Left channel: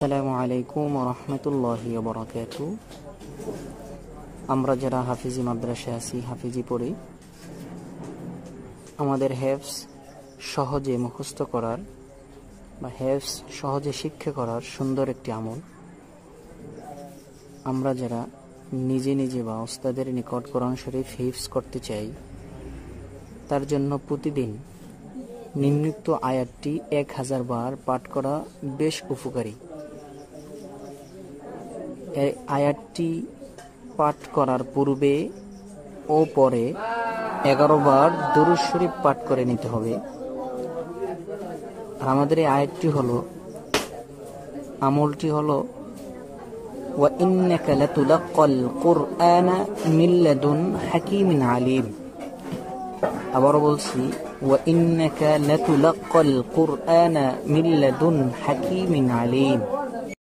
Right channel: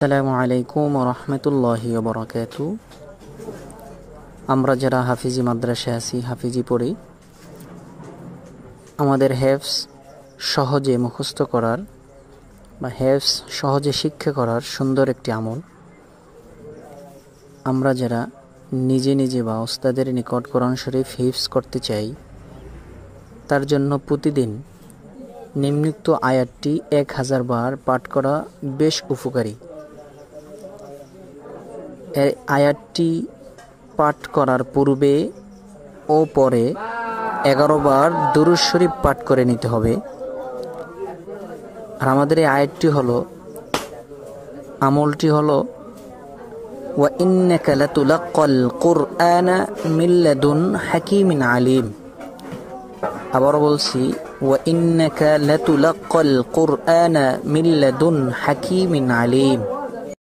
আসসালামু আলাইকুম ওয়া রাহমাতুল্লাহি ওয়া বারাকাতুহু। আমরা যারা হাফিজি মাদ্রাসায় আছি, হাফিজি পড়ি, আমাদের হেফজ সহজে মুখস্থ করার বা হেফজ সহজে শিক্ষা করার সুন্দর একটি আমল। আমরা যারা নিজে নিজে বা ওস্তাদের নিকট কোরআন শরীফ হিফজ করতে চাই, তার জন্য প্রতিদিন নিম্নোক্ত আয়াতটি 1000 বার পাঠ করা বেশ উপকারী। এই আয়াতটি পাঠ করার পূর্বে ও পরে 11 বার দুরূদ শরীফ পাঠ করে নিতে হবে। আর আমাদের এই আয়াতটি হলো, আমলটি হলো ওয়া ইন্নাকা লাতুলাক্কাল কুরআনা মিন লাদুন হাকীমিন আলীম। আবার বলছি, ওয়া ইন্নাকা লাতুলাক্কাল কুরআনা মিন লাদুন হাকীমিন আলীম।